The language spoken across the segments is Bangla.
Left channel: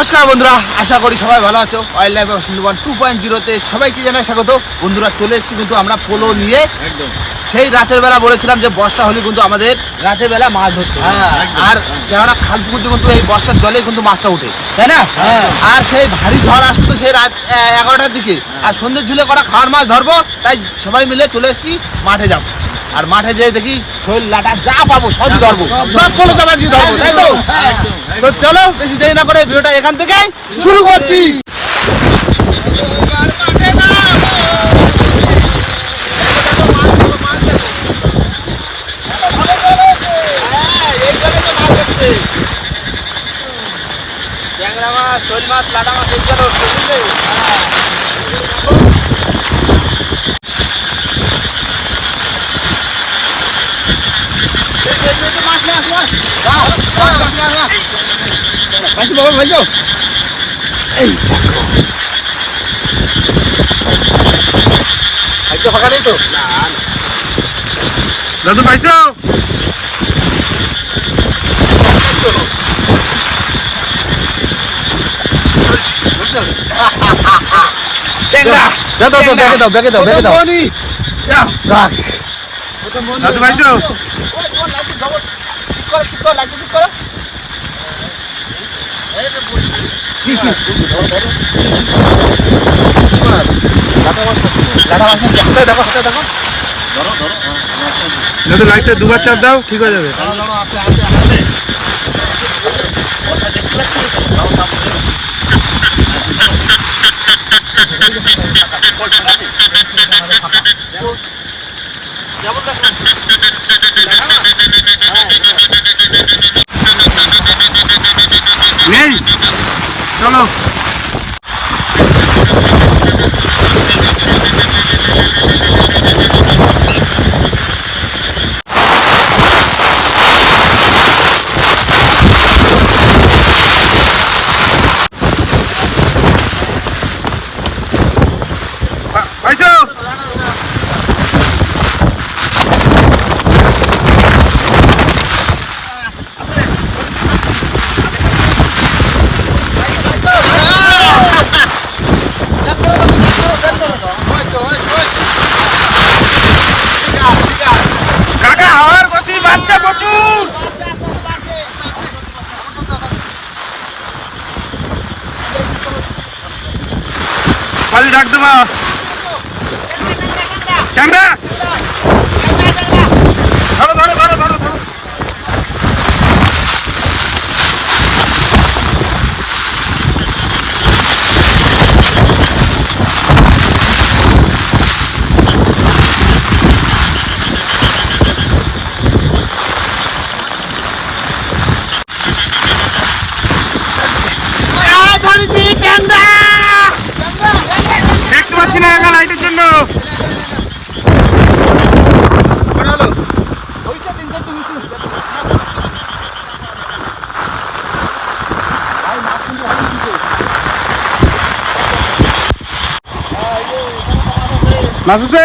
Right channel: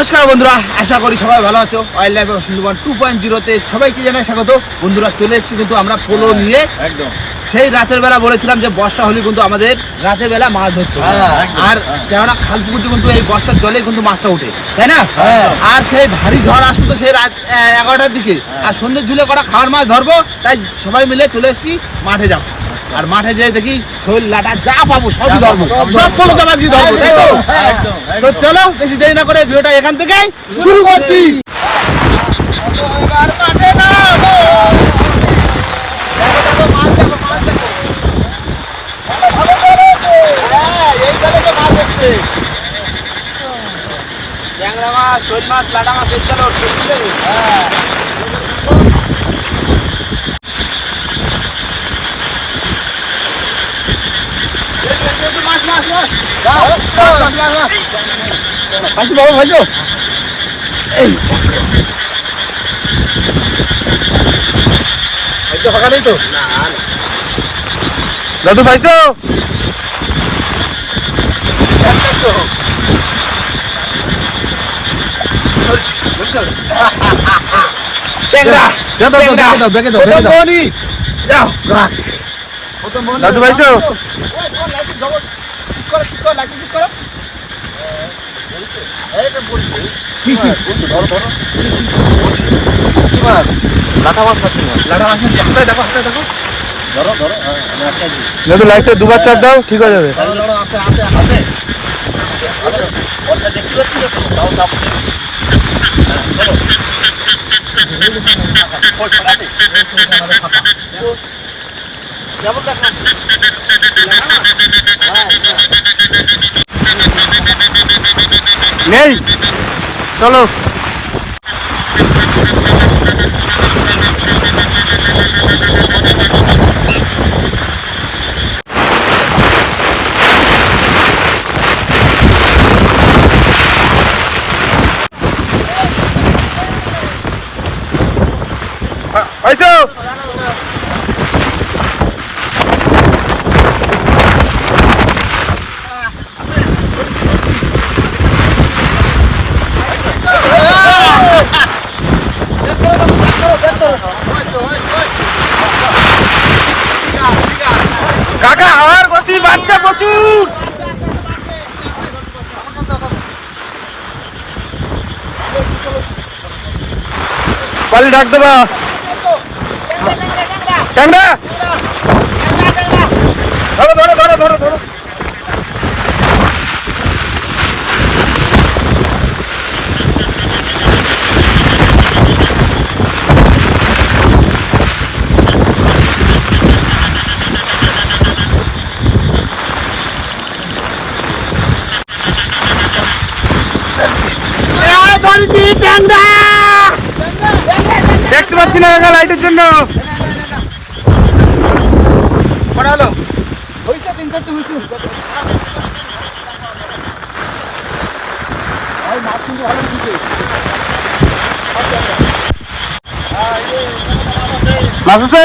নমস্কার বন্ধুরা আশা করি সবাই ভালো আছো। Wildlife Sundarban two point জিরোতে সবাইকে জানাই স্বাগত। বন্ধুরা চলে এসেছি কিন্তু আমরা পোলো নিয়ে। একদম। সেই রাতের বেলা বলেছিলাম যে বর্ষা হলে কিন্তু আমাদের রাতের বেলা মাছ ধরতে হ্যাঁ, আর। কেননা খাল পুকুরতে কিন্তু এই বর্ষার জলে কিন্তু মাছটা উঠে তাই না? হ্যাঁ। আর সেই ভারী ঝড় আসবে তো সেই রাত এগারোটার দিকে। হ্যাঁ। আর সন্ধ্যে ঝুলে করা খাওয়ার মাছ ধরবো তাই সবাই মিলে চলে এসেছি মাঠে যাব। আর মাঠে যেয়ে দেখি শৈল লাটা যা পাবো সবই যা ধরবো সব সব পোলো চাপা দিয়ে ধরবো তাই তো? হ্যাঁ, তো চলো বেশি দেরি না করে ভিডিওটা এখান থেকে শুরু করছি। ট্যাংরা মাছ শোল মাছ লাটা মাছ এই চলো বুঝলে মাছ মাছ মাছ মাছ মাছ মাছ মাছ পাইছো বাবা পাইছো এই সাইডে ফাঁকা নেই তো না না দাদু পাইছো ট্যাংরা করো ঠিক করো লাইট ঠিক করো। কি ধরো ধরো মাছ লাটা মাছ লাটা মাছ হাতে দেখো হাতে দেখো ধরো ধরো হ্যাঁ আমি একটা দিই দাদু লাইটটা দুবার চাপ দাও ঠিক হয়ে যাবে। ধরো ধরো আছে আছে আছে। কথা দেখতে পাচ্ছি তো তাও চাপ ফাটাতে আমাদের ফাঁকা কেমন দেখলাম নেই চলো আ, পাইছো কাকা হাওয়ার গতি বাড়ছে প্রচুর পালি ডাক দেবা। ট্যাংরা ধরো ধরো ধরো ধরো ধরো ধরেছি ট্যাংরা দেখতে পাচ্ছি না কাকা লাইটের জন্য কটা হলো হয়েছে তিন চারটে হয়েছে ভাই মাছ কিন্তু ভালো দিচ্ছে মাছ আছে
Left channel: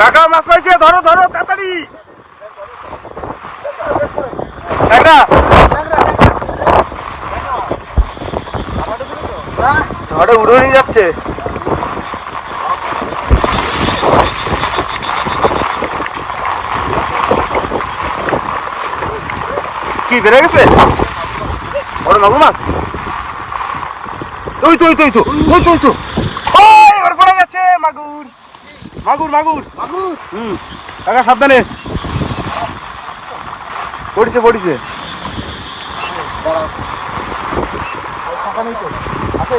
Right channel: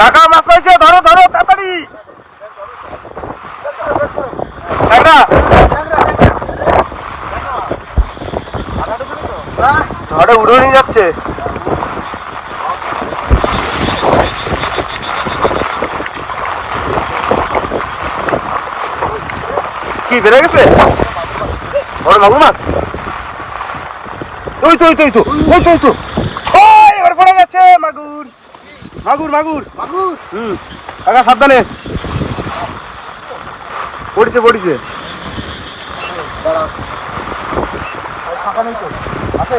কাকা মাছ পাইছে ধরো ধরো তাড়াতাড়ি। ট্যাংরা ঝড়ে উড়ে নিয়ে যাচ্ছে। কি বেড়ে গেছে? বড় মাগুর মাছ ওই তো ওই তো ওই তো ওই তো ওই তো। এবার পড়ে গেছে মাগুর। মাগুর মাগুর। হুম কাকা সাবধানে। পড়ছে পড়ছে। আছে?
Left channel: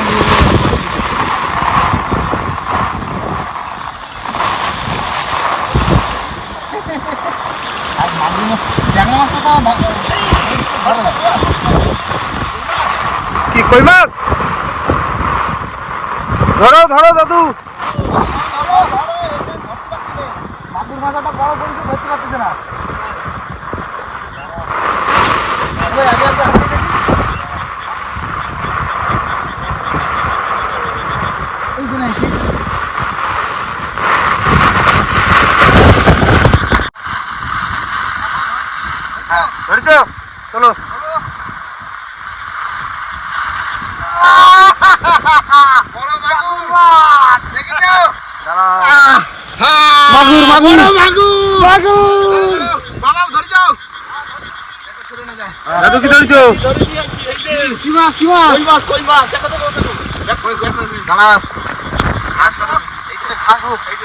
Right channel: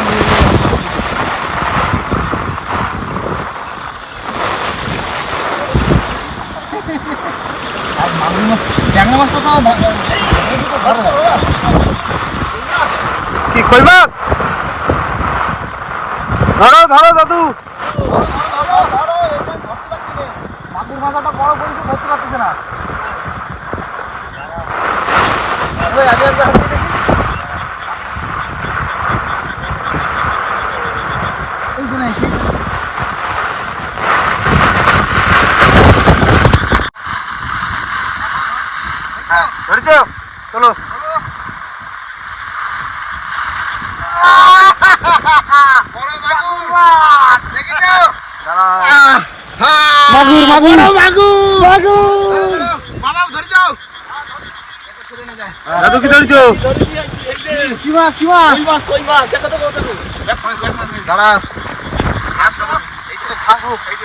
কি কই মাছ ধরো ধরো দাদু। ধরছো চলো। মাগুর মাগুর মাগুর মাগুর বাবা ধরে যাও। দাদু কি ধরছো? কি মাছ কি মাছ কই মাছ? কই মাছ দেখো। দেখো দেখো দেখো। দাঁড়া হাত দাও এই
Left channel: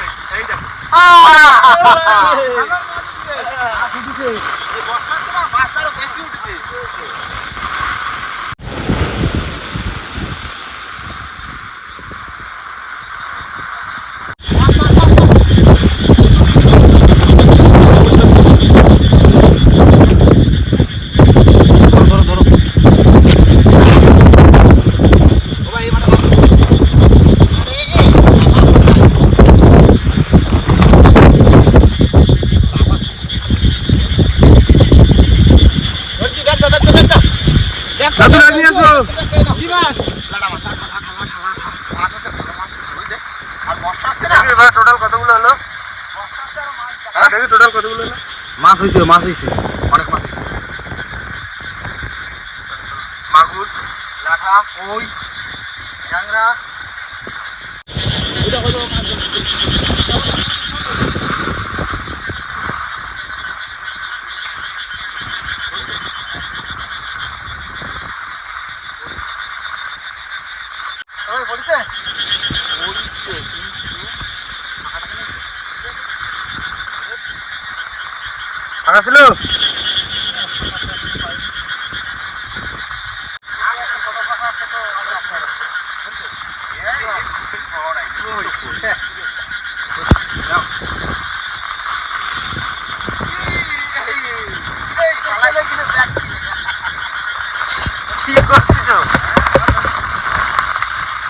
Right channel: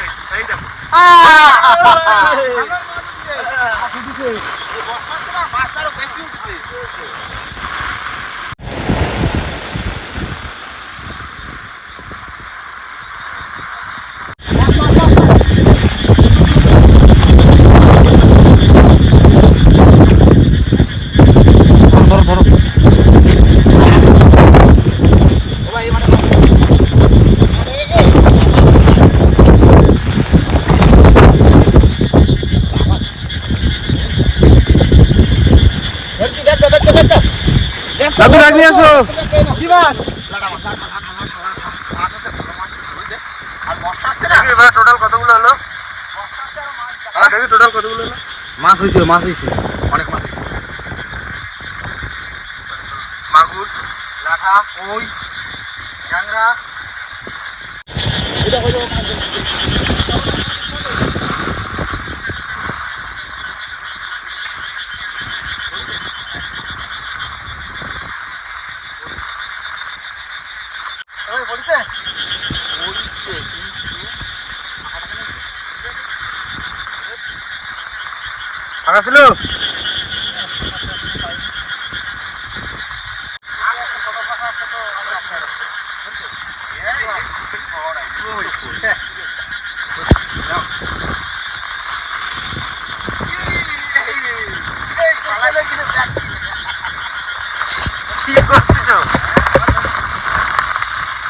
মাছ হয়েছিল মাছ হয়েছে অনেক মাছ হয়েছে মাগুর লাঠা কই ট্যাংরা। পড়ছে পড়ছে ফাঁকা ছিল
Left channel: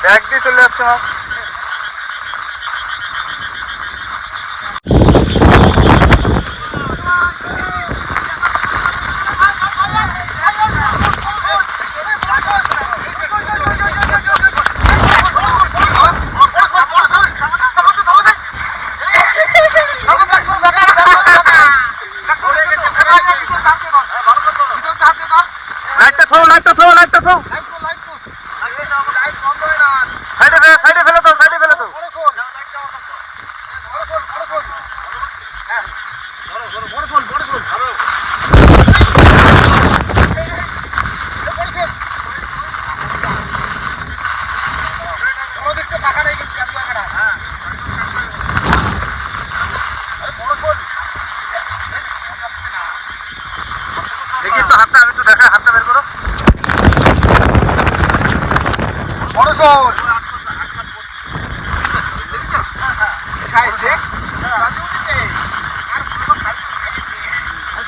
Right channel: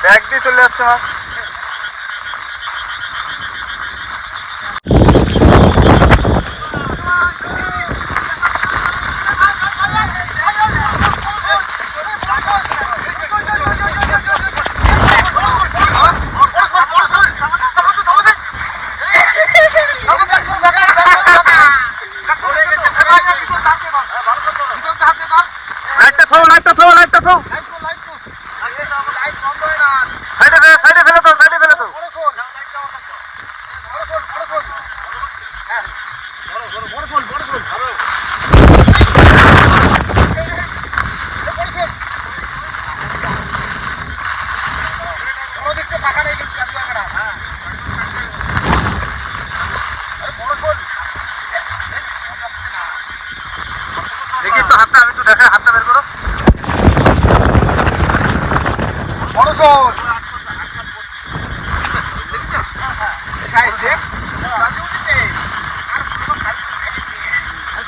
ব্যাগ দিয়ে চলে যাচ্ছে মাছ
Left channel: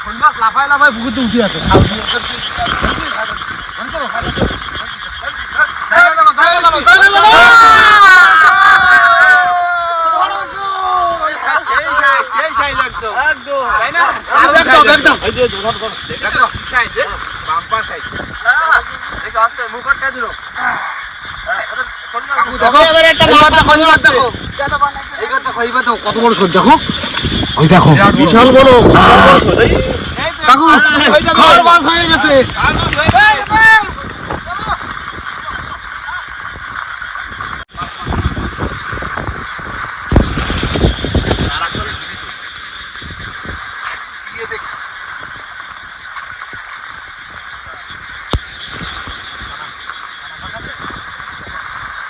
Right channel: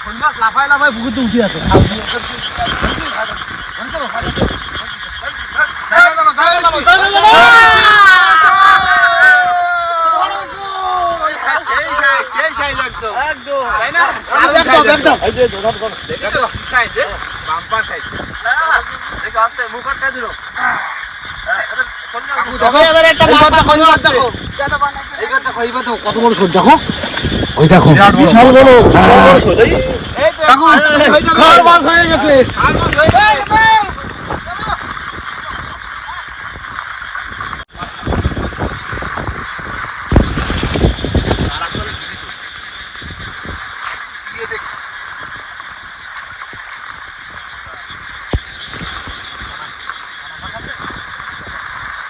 কোন মাছ লাফাই লাফাই পুকুরতে উঠে আছে কত বড় দেখো ওই দেখো। বিশাল বড় খড় মাছ হয়ে গেছে।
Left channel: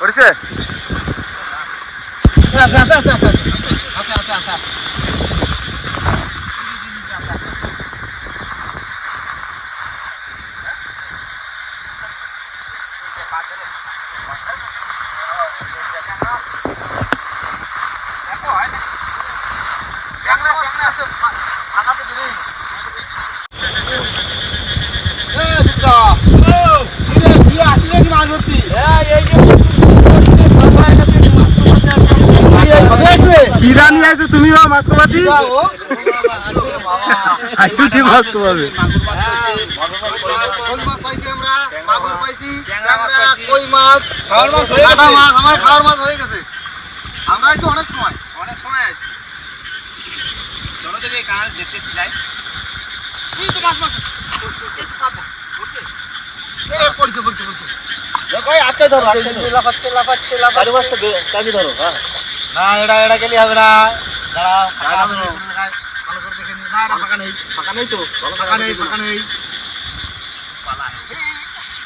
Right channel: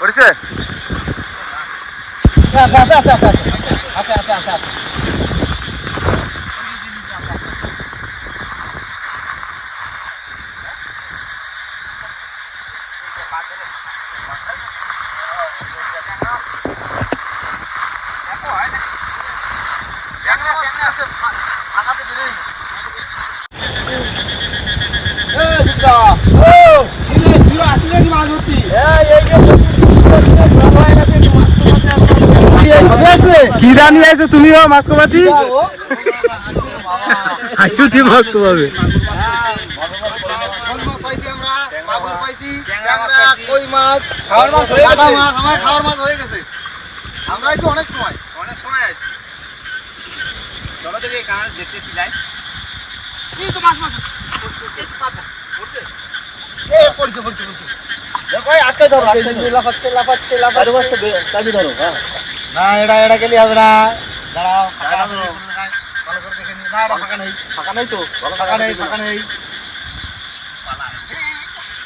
পড়েছে আচ্ছা আচ্ছা আচ্ছা আচ্ছা আচ্ছা। আইছো তুমিও মাছ কবাতি আইছো কি মাছ হয়ে গেছে আমার হয়ে অনেক সময় অনেক সময় আইছি চলো দেখি কানে দেখতে একটু যাই এই তো মাছ মাছ পাতা এ পড়ছে পড়ছে পড়ছে দেখো আটকে ধরো আটকে লাফাচ্ছে লাফাচ্ছে লাফাচ্ছে চাবি ধরো হ্যাঁ না এটা এটা গেলে হবে না দাঁড়াও ফাঁকা আছে ভালো করে দেখে না এটা ফাঁকা নেই ফাঁকা নেই তো ফাঁকা নেই ফাঁকা নেই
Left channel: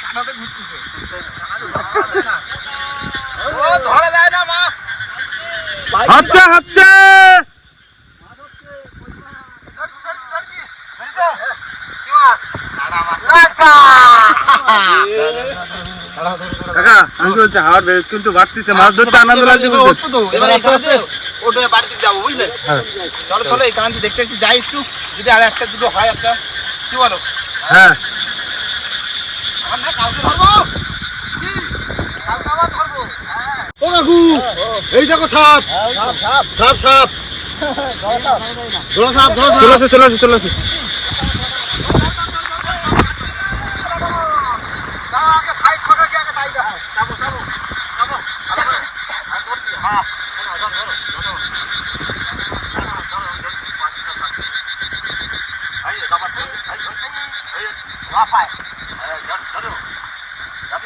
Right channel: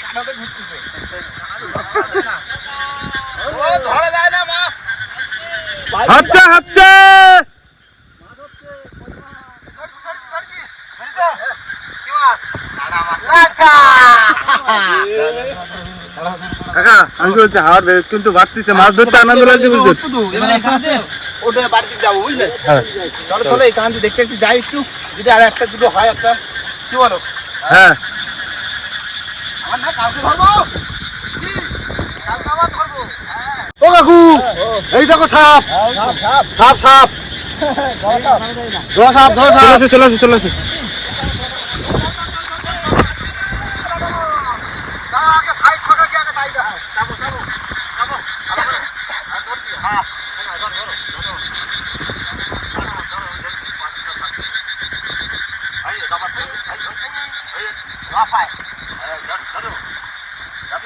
কানাতে ঘুরতেছে ও ধরা যায় না মাছ হচ্ছে? কি মাছ মাছ কাকা আমি বলছি হাওয়ার বেগ কিন্তু বাড়তিছে মাছ ধরতে আনন্দ লাগছে বুঝতে এবারে আস্তে আস্তে ওটা বাড়িতে যাব বুঝলে? হ্যাঁ। চলো চলো এই কান্তি দেখতে যাই একটু। যদি আর একটা দুটো হয় একটা কি বলো? হ্যাঁ। আমার না কালকে ধরবো। কি? কালকে আবার ধরবো। হ্যাঁ। ও কাকু এই দেখো সাপ। সাপ সাপ। ধরো সাপ ধরো সাপ। চলে আসো চলে আসো চলে আসো দাঁড়া আগে সাইড ফাঁকা কি আগে তাই যাব যাব যাব যাব ভালো করে আর ধরছি হ্যাঁ ধরো ধরো ধরো ধরো ধরো ধরছি পাঁচটা সাতটা এই দাবার এই এই এই লাফায় এই ধর ধরো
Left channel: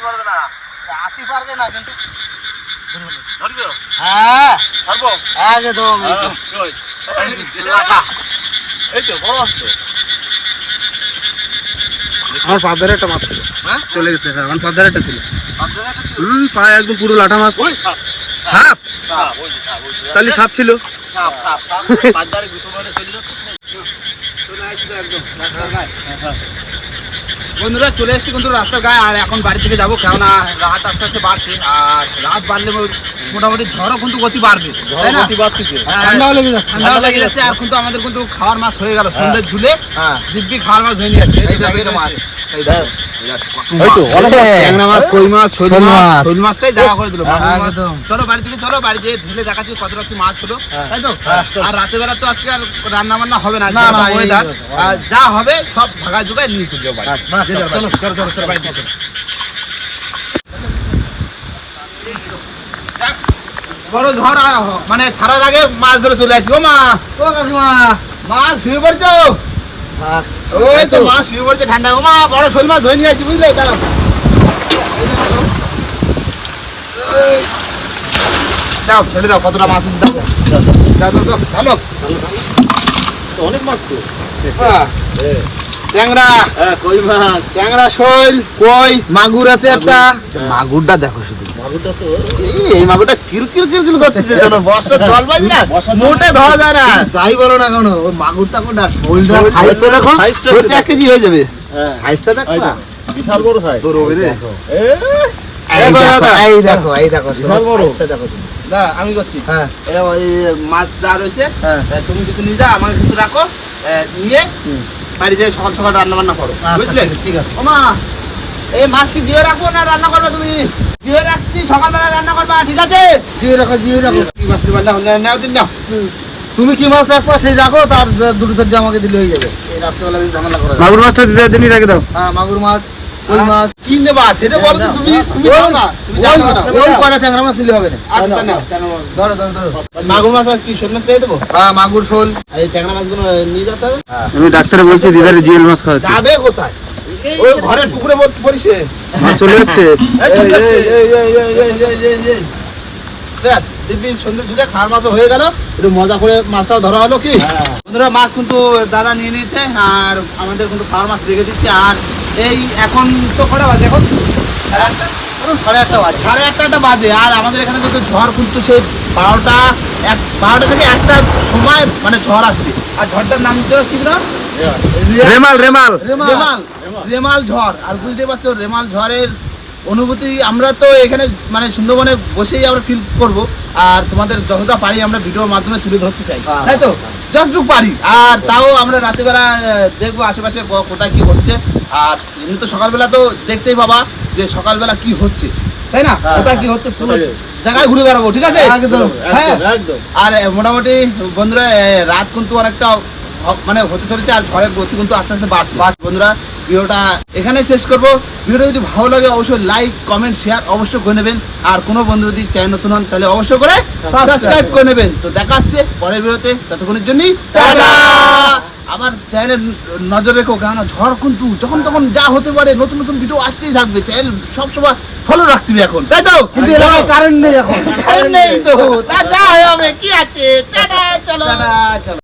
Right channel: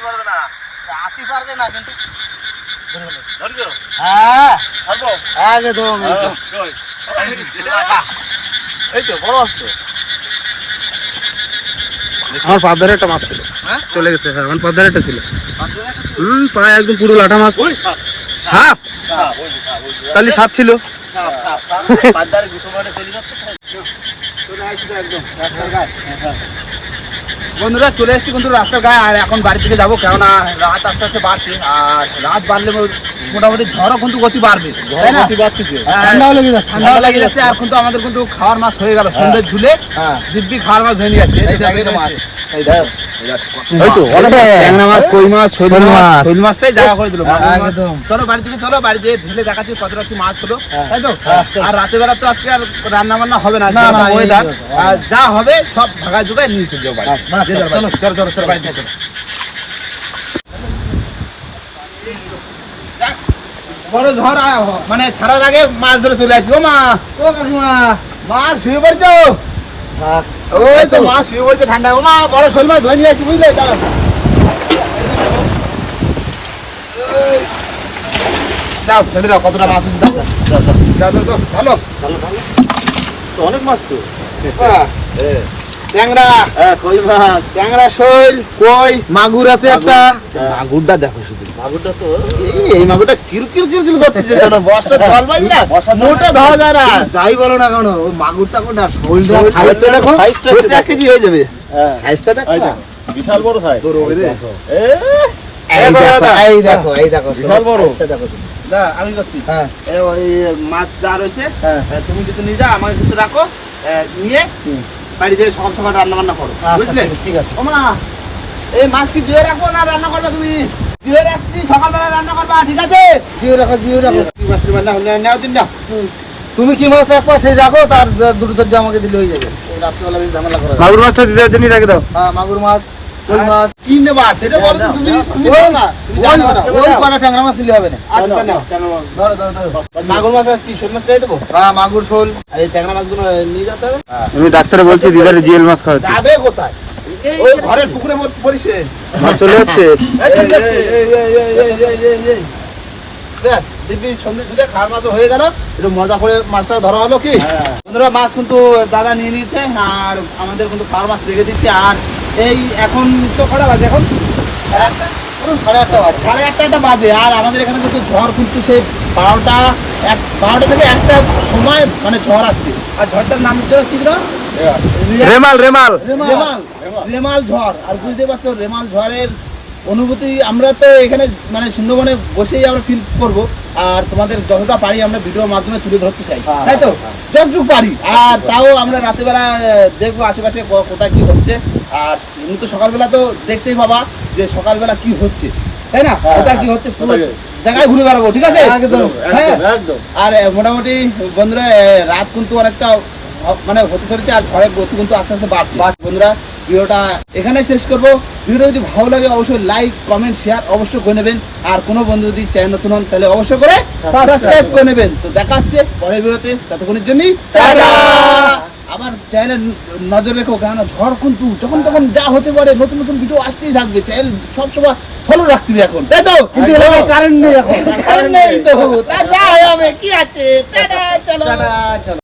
পারবে না পারবে না কিন্তু হ্যাঁ আমার পাবদারে একটা মাছ ছিল। হ্যাঁ? চলে গেছে হ্যাঁ আমার একটা ছিল। হুম পায়ে একদম পুরো লাঠা মাছ। সাপ? তাহলে সাপ ছিল? গায়ে। বন্ধুরা চলে এসেছি কিন্তু রাস্তার গায়ে আর এখন বাড়ি থেকে যাব। কেননা রাত আস্তে আস্তে বাড়ছে আর রাত বাড়লে মোটামুটি ঝড়ও কিন্তু গতি বাড়বে তাই না? হ্যাঁ, ঠান্ডাও লেগে যাচ্ছে। ঠান্ডাও লেগে যাচ্ছে। আর কিন্তু আমাদের কিন্তু খাওয়ার মাছ হয়ে গেল সন্ধ্যের ঝুলে। হ্যাঁ। দিব্যি খাওয়ার মাছ হয়ে নিয়ে যাচ্ছে। মাছ চলো বাড়ি থেকে চলো বাড়ি যেয়ে ঢেলে দেখাচ্ছি কতটা কি মাছ হলো। তাই তো? আর রাতের বেলা তো আজকে আর রান্না বান্না হবে না না, না, এই ওয়েদার আর যা হবে সব ভাগা জোগায় নিয়ে চলে যাও বাড়ি। যে যার বাড়ি। চলো চলো চলো বাড়ি চলো বড় ঝড় মানে ছাড়ার আগে মাছ ধরে চলে আসছি। ও মা ও কাকিমা। মাছ শুয়ে পড়ছো? ওই তো মাছ শুয়ে পড়ছে ঠান্ডা। ও মা বড় শোল মাছ ধরে নিয়ে আসছি বুঝলে? দাঁড়াও। দাও ফেলে দাও কতটা মাছ আছে দাও দাও দাও দাও ভালো। অনেক মাছ তো। হ্যাঁ। ট্যাংরা। হ্যাঁ কই মাছ? ট্যাংরা শোল কই মাগুর আছে একটা। মাগুরটা দেখো শুধু। মাগুরটা তো এই- এই মাগুরটা কিলকিল কিলকিল করতেছে তোমরা বস্তা জল বাজি না মোটে ধরা যায় না। যাই বলো না কেন ওই মাগুরটা কোনটা? শোলটা সাইজটা দেখো। সাইজটা এক কেজি হয়ে যাবে। হ্যাঁ। সাইজটা দেখো এই না। দেখো, বিশাল বড় সাইজ তোর ওই রে। এই দেখো, দেখো দেখো। এই দেখো এই দেখো বিশাল বড়। দেখো তুমি। আমি করছি। হ্যাঁ। ওই মাছ যা রয়েছে হ্যাঁ। তুমি কিছু নিয়ে যাও আমাকে কিছু রাখো নিয়ে। বাড়ি যেয়ে সকাল সকাল রান্না বান্না করো আচ্ছা, বুঝলে? ঠিক- আছে ওমা এই মাছ কি দিয়ে রাখব না রান্না করবে তুমি? দিয়ে রাখছি সকালবেলা রান্না করবা ঠিক আছে? জিও রাখো জিও রাখো। কি মাছ নিবা নাও নাও, নাও দিন নাও। তুমি কি মাছ এক পাশে রাখো তার দুটো চারটে আমাকে দিলে হয়ে যাবে। এই রাত্রেবেলা ঝামেলা করা মাগুর মাছটা দিদার জন্য রেখে দাও। হ্যাঁ মাগুর মাছ কই হ্যাঁ। মাছ? কি নেবা? সেটা বলো তো তুমি তুমি ওই না। ওই কটা ট্যাংরা মাছ নিলে হবে না। আচ্ছা ধরো ধরো ধরো মাগুর মাছ আর কি শোল মাছ দেবো? হ্যাঁ মাগুর শোল। আর এই ট্যাংরা মাছগুলো নিয়ে যেতে হবে? আমি ডাক্তারে বলছি দিদারে জিএল মাছ খাওয়াচ্ছি। যাবে কোথায়? ওই ঘরের পুকুরে পড়িছে মাছ চলে যাচ্ছে ব্যাস দিব্যি সন্ধ্যে ছুটে খাওয়ার মাছও হয়ে গেল একটু মজা করে মাছটাও ধরা হলো কি বন্ধুরা মাছ কিন্তু দাদা নিয়ে নিয়েছে আর আমাদের কিন্তু খাওয়ার মাছ রেখে দিচ্ছে আর এই এখন তো কটা বাজে এখন সাড়ে আটটা বাজে সাড়ে আটটা বাজে আর আমাদের এখানে কিন্তু ঝড় কিন্তু সেই বারোটা এক বারোটা থেকে একটা সময় মানে ঝড় আসছে আর ঝড়টার নাম কি ছিল রেমাল রেমাল। রেমাল। রেমাল। ঝড়। আর বুঝতে পারছ রেমাল ঝড়ের অনুভূতি আমরা তো এখানে মানে সুন্দরবনে বসেই আমরা ফিল করব। আর তোমাদের যতটা পারি আমরা ভিডিওর মাধ্যমে তুলে ধরতে চাই। হ্যাঁ, তাই তো? যতটুকু পারি। আর তাও আমরা রাতেরবেলা আহ, দেখব আশেপাশে ক- কোথায় কি হচ্ছে। আর এমনি তো সকালবেলা তো দেখতেই পাবা যে সকালবেলা কি হচ্ছে। তাই না? হ্যাঁ, কোথায় কি হচ্ছে পুরো জায়গায় ঘুরে বেড়াবো ঠিক আছে? হ্যাঁ। আর মোটামুটি বন্ধুরা রাত কিন্তু অনেকটা মানে হতে চলেছে আর ঘরের গতি কিন্তু আস্তে আস্তে বাড়ছে। বন্ধুরা ভিডিওটা এখানে শেষ করব। ভিডিওটা যদি ভালো লাগে অবশ্যই লাইক কমেন্ট শেয়ার অবশ্যই করে নেবেন। আর কোনো বন্ধু যদি চ্যানেল নতুন হন তাহলে অবশ্যই করে সাবস্ক্রাইব করে নেবেন। তো দেখা হচ্ছে পরের ভিডিওতে। ততক্ষণের জন্যই আবার চ্যানেল নজর রেখো কেন ঝড় কিন্তু যখন তখন যা হতে পারে নতুন নতুন ভিডিও আসতেই থাকবে। চ্যানেল সবসময় ফলো রাখতে হবে এখন। তাই তো? কিন্তু কারেন্ট নেই এখন। কারণ নেই তো। তা যা হবে কি আছে? টাটা চলো। টাটা, চলো।